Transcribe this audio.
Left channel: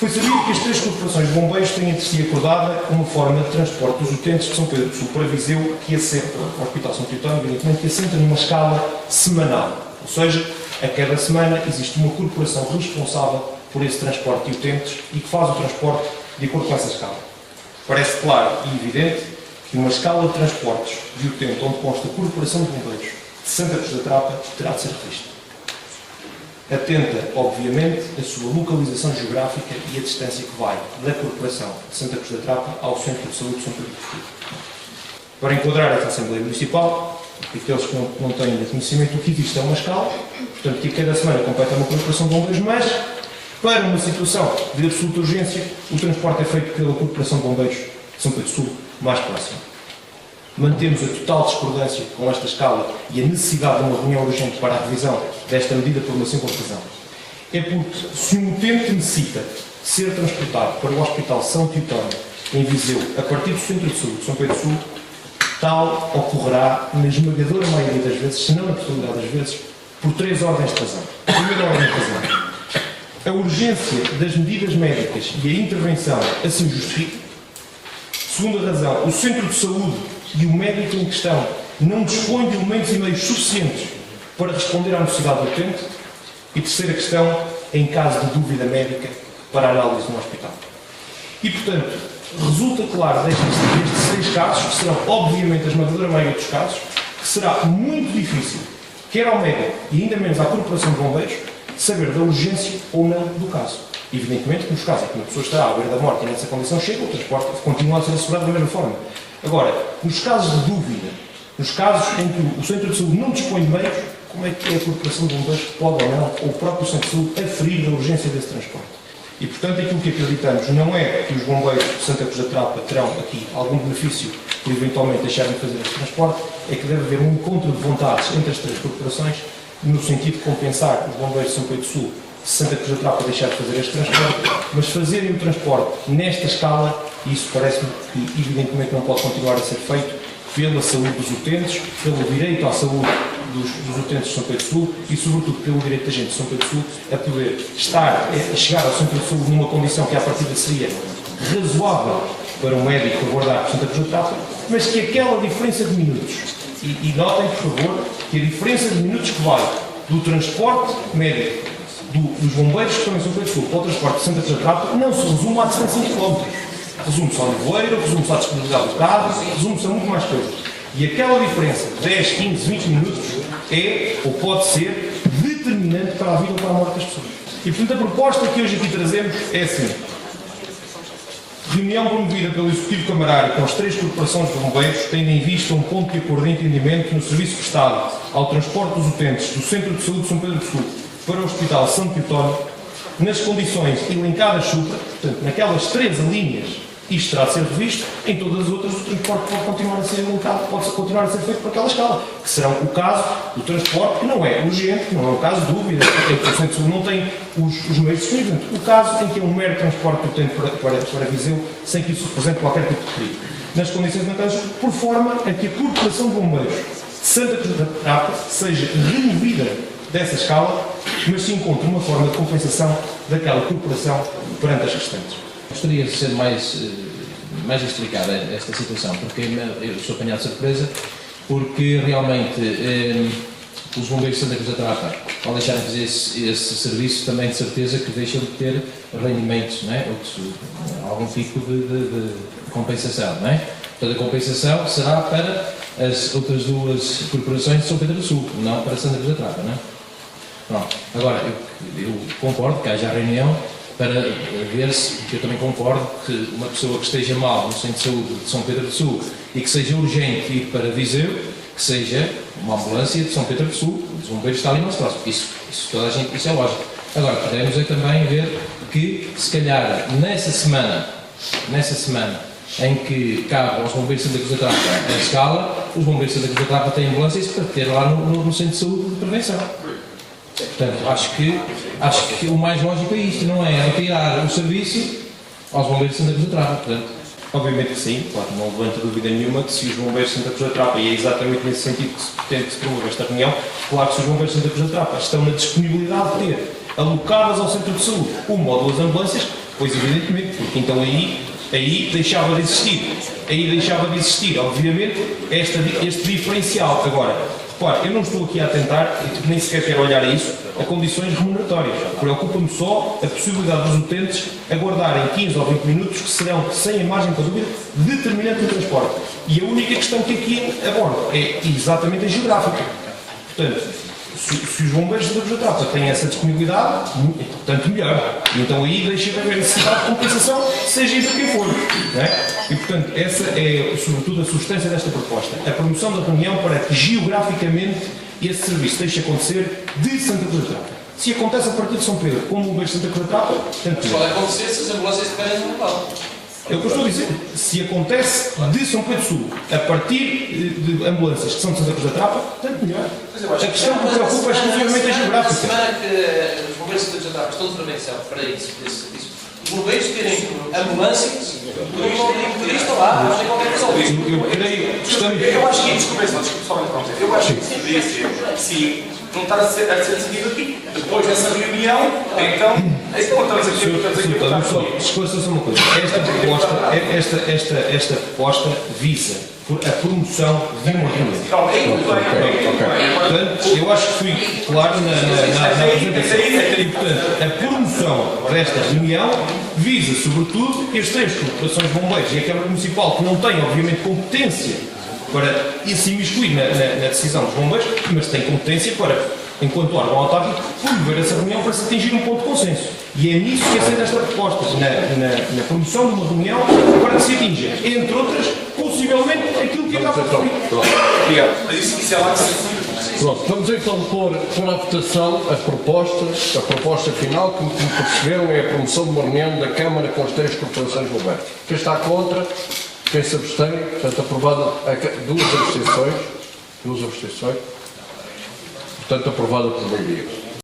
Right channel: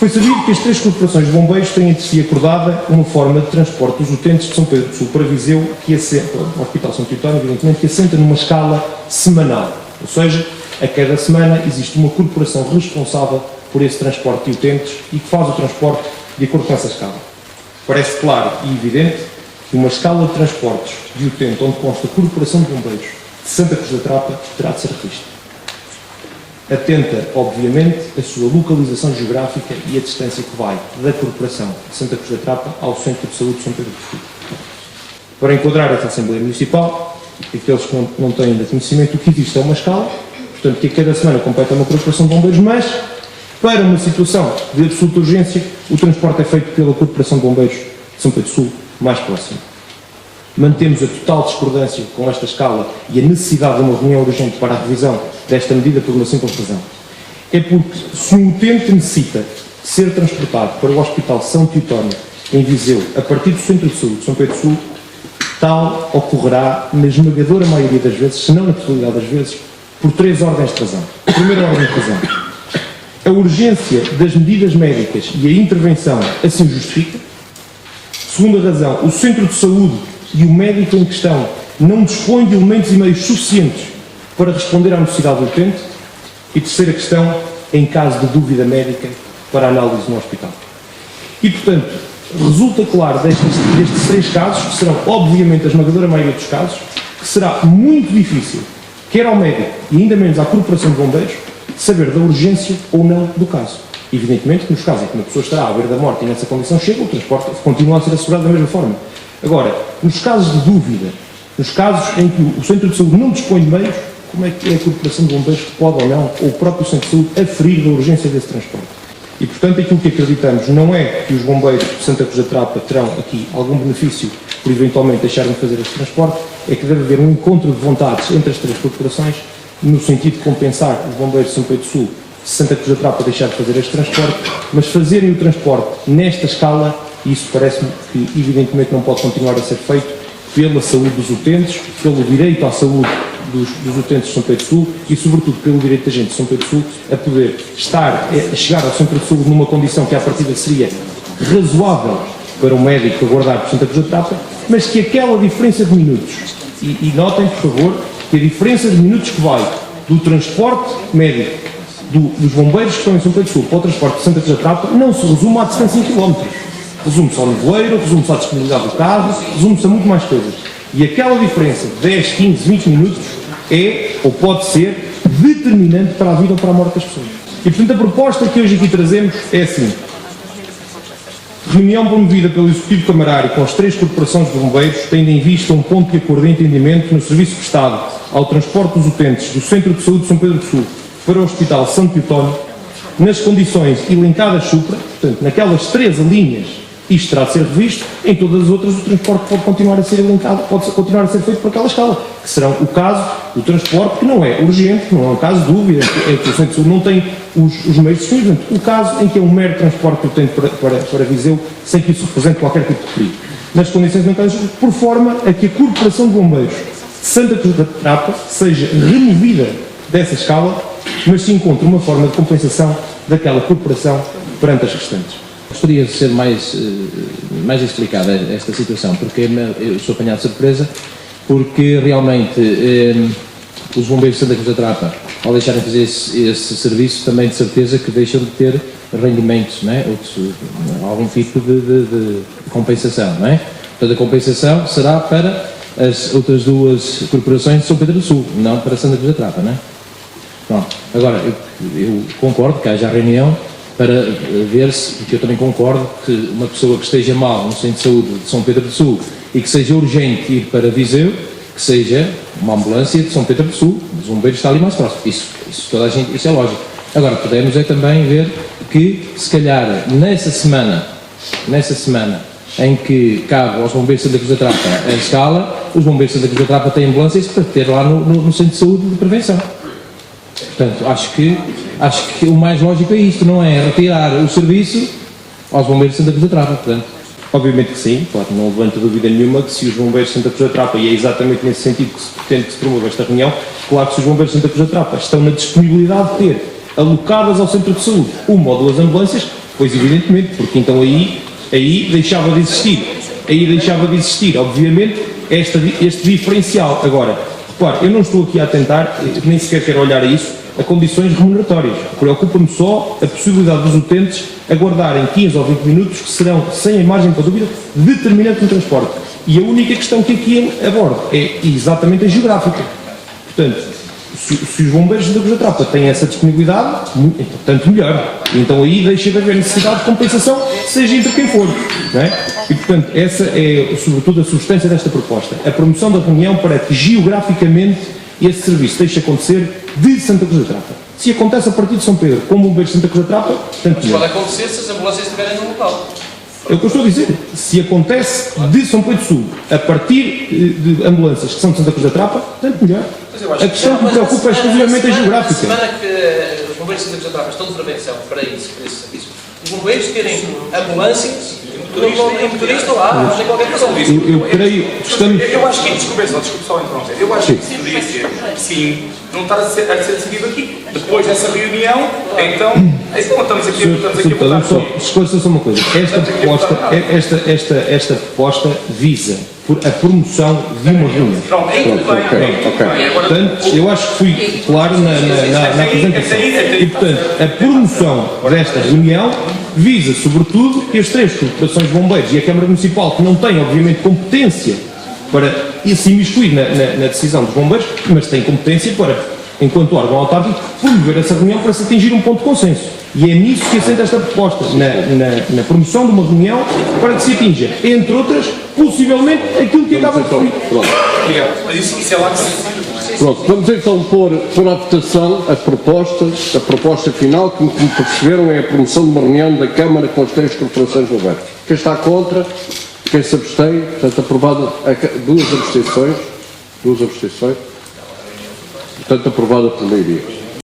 Foi sabido que as três corporações de bombeiros têm entre si acordada uma forma de transporte dos utentes de São Pedro do Sul para Viseu, que assenta, o Hospital São Teotónio, evidentemente, que assenta numa escala semanal. Ou seja, a cada semana existe uma corporação responsável por esse transporte de utentes e que faz o transporte de acordo com essa escala. Parece claro e evidente que uma escala de transportes de utente onde consta a Corporação de Bombeiros de Santa Cruz da Trapa terá de ser revista. Atenta, obviamente, a sua localização geográfica e a distância que vai da Corporação de Santa Cruz da Trapa ao Centro de Saúde de São Pedro do Sul. Para enquadrar esta Assembleia Municipal, aqueles que não têm conhecimento do que existe é uma escala, portanto que a cada semana completa uma Corporação de Bombeiros, mas para uma situação de absoluta urgência, o transporte é feito pela Corporação de Bombeiros de São Pedro do Sul mais próxima. Mantemos a total discordância com esta escala e a necessidade de uma reunião urgente para a revisão desta medida por uma simples razão. É porque se um utente necessita ser transportado para o Hospital São Teotónio, em Viseu, a partir do Centro de Saúde de São Pedro do Sul, tal ocorrerá na esmagadora maioria das vezes, se não na totalidade das vezes, por três ordens de razão. A primeira ordem de razão: a urgência das medidas médicas e a intervenção assim justifica. Segunda razão: o Centro de Saúde e o médico em questão não dispõe de elementos e meios suficientes para responder à necessidade do utente. E terceira questão: em caso de dúvida médica, para análise no hospital. E, portanto, resulta claro destes seis casos, que serão obviamente a esmagadora maioria dos casos, que será muito difícil, quer ao médico e ainda menos à Corporação de Bombeiros, saber da urgência ou não do caso. Evidentemente que nos casos em que uma pessoa estará à beira da morte e nessa condição chega, o transporte continua a ser assegurado da mesma forma. Agora, nos casos de dúvida, nos casos em que o Centro de Saúde não dispõe de meios, como é que é a Corporação de Bombeiros que pode ou não, ou o próprio Centro de Saúde, aferir da urgência desse transporte? E, portanto, aquilo que acreditamos não é que os bombeiros de Santa Cruz da Trapa terão aqui algum benefício por eventualmente deixarem de fazer este transporte, é que deve haver um encontro de vontades entre as três corporações, no sentido de compensar os bombeiros de São Pedro do Sul, se Santa Cruz da Trapa deixar de fazer este transporte, mas fazerem o transporte nesta escala, isso parece-me que evidentemente não pode continuar a ser feito pela saúde dos utentes, pelo direito à saúde dos utentes de São Pedro do Sul e, sobretudo, pelo direito da gente de São Pedro do Sul a poder a chegar ao Centro de Saúde numa condição que à partida seria razoável para um médico aguardar por Santa Cruz da Trapa, mas que aquela diferença de minutos, e notem, por favor, que a diferença de minutos que vai do transporte médico dos bombeiros que estão em São Pedro do Sul para o transporte de Santa Cruz da Trapa não se resume à distância em quilómetros. Resume-se ao nevoeiro, resume-se à disponibilidade do carro, resume-se a muito mais coisas. E aquela diferença de 10, 15, 20 minutos é, ou pode ser, determinante para a vida ou para a morte das pessoas. E, portanto, a proposta que hoje aqui trazemos é assim: reunião promovida pelo Executivo Camarário com as três corporações de bombeiros, tendo em vista um ponto de acordo e entendimento no serviço prestado ao transporte dos utentes do Centro de Saúde de São Pedro do Sul para o Hospital São Teotónio, nas condições elencadas supra, portanto, naquelas três linhas, isto terá de ser revisto. Em todas as outras, o transporte pode continuar a ser elencado, pode continuar a ser feito por aquela escala, que serão o caso do transporte que não é urgente, que não é um caso de dúvida, é que o Centro de Saúde não tem os meios disponíveis. O caso em que é um mero transporte que eu tenho para Viseu, sem que isso represente qualquer tipo de perigo. Nas condições elencadas, por forma a que a Corporação de Bombeiros de Santa Cruz da Trapa seja removida dessa escala, mas se encontra uma forma de compensação daquela corporação perante as restantes. Gostaria de ser mais explicada esta situação, porque eu sou apanhado de surpresa, porque realmente os bombeiros de Santa Cruz da Trapa, ao deixarem de fazer esse serviço, também de certeza que deixam de ter rendimentos, não é? Algum tipo de compensação, não é? Portanto, a compensação será para as outras duas corporações de São Pedro do Sul, não para Santa Cruz da Trapa, não é? Pronto. Agora, eu concordo que haja a reunião para ver se, porque eu também concordo que uma pessoa que esteja mal no Centro de Saúde de São Pedro do Sul e que seja urgente ir para Viseu, que seja uma ambulância de São Pedro do Sul, os bombeiros está ali mais próximo. Isso toda a gente, isso é lógico. Agora, podemos também ver que, se calhar, nessa semana em que cabe aos bombeiros de Santa Cruz da Trapa a escala, os bombeiros de Santa Cruz da Trapa têm ambulâncias para ter lá no Centro de Saúde de prevenção. Portanto, acho que o mais lógico é isto, não é retirar o serviço aos bombeiros de Santa Cruz da Trapa, portanto. Obviamente que sim, claro, não levanta dúvida nenhuma que se os bombeiros de Santa Cruz da Trapa, e é exatamente nesse sentido que se pretende que se promova esta reunião, claro que se os bombeiros de Santa Cruz da Trapa estão na disponibilidade de ter alocadas ao Centro de Saúde uma ou duas ambulâncias, Pois evidentemente, porque então aí deixava de existir, obviamente, este diferencial. Agora, repare, eu não estou aqui a tentar, nem sequer quero olhar a isso, a condições remuneratórias. Preocupa-me só a possibilidade dos utentes aguardarem 15 ou 20 minutos, que serão, sem a margem para dúvida, determinantes no transporte. E a única questão que aqui abordo é exatamente a geográfica. Portanto, se os bombeiros de Santa Cruz da Trapa têm essa disponibilidade, tanto melhor. Então aí deixa de haver necessidade de compensação, seja entre quem for. Não é? E portanto, essa é sobretudo a substância desta proposta. A promoção da reunião para que geograficamente esse serviço deixe de acontecer de Santa Cruz da Trapa. Se acontece a partir de São Pedro, como bombeiros de Santa Cruz da Trapa, tanto melhor. Pode acontecer se as ambulâncias estiverem no local. É o que eu estou a dizer. Se acontece de São Pedro do Sul, a partir de ambulâncias que são de Santa Cruz da Trapa, tanto melhor. A questão que me preocupa é exclusivamente a geográfica. A semana que os bombeiros de Santa Cruz da Trapa estão de intervenção para esse serviço, os bombeiros terem ambulâncias, não tem motorista lá, não tem qualquer coisa. Eu creio que estamos... Eu acho que, desculpe só interromper, eu acho que poderia ser, sim, não estar a ser decidido aqui. Depois dessa reunião, então também se estamos aqui a votar. Esclareça-se uma coisa. Esta proposta visa a promoção de uma reunião. Portanto, eu acho que fui claro na apresentação. E, portanto, a promoção desta reunião visa, sobretudo, que as três corporações de bombeiros e a Câmara Municipal, que não têm, obviamente, competência para se imiscuir na decisão dos bombeiros, mas têm competência para, enquanto órgão autárquico, promover essa reunião para se atingir um ponto de consenso. E é nisso que assenta esta proposta, na promoção de uma reunião para que se atinja, entre outras, possivelmente, aquilo que acaba de referir. Obrigado. Mas isso é lá que Pronto, vamos então pôr à votação a proposta final, que como perceberam é a promoção de uma reunião da Câmara com as três corporações de bombeiros. Quem está contra? Quem se abstém? Portanto, aprovada duas abstenções. Portanto, aprovada por maioria.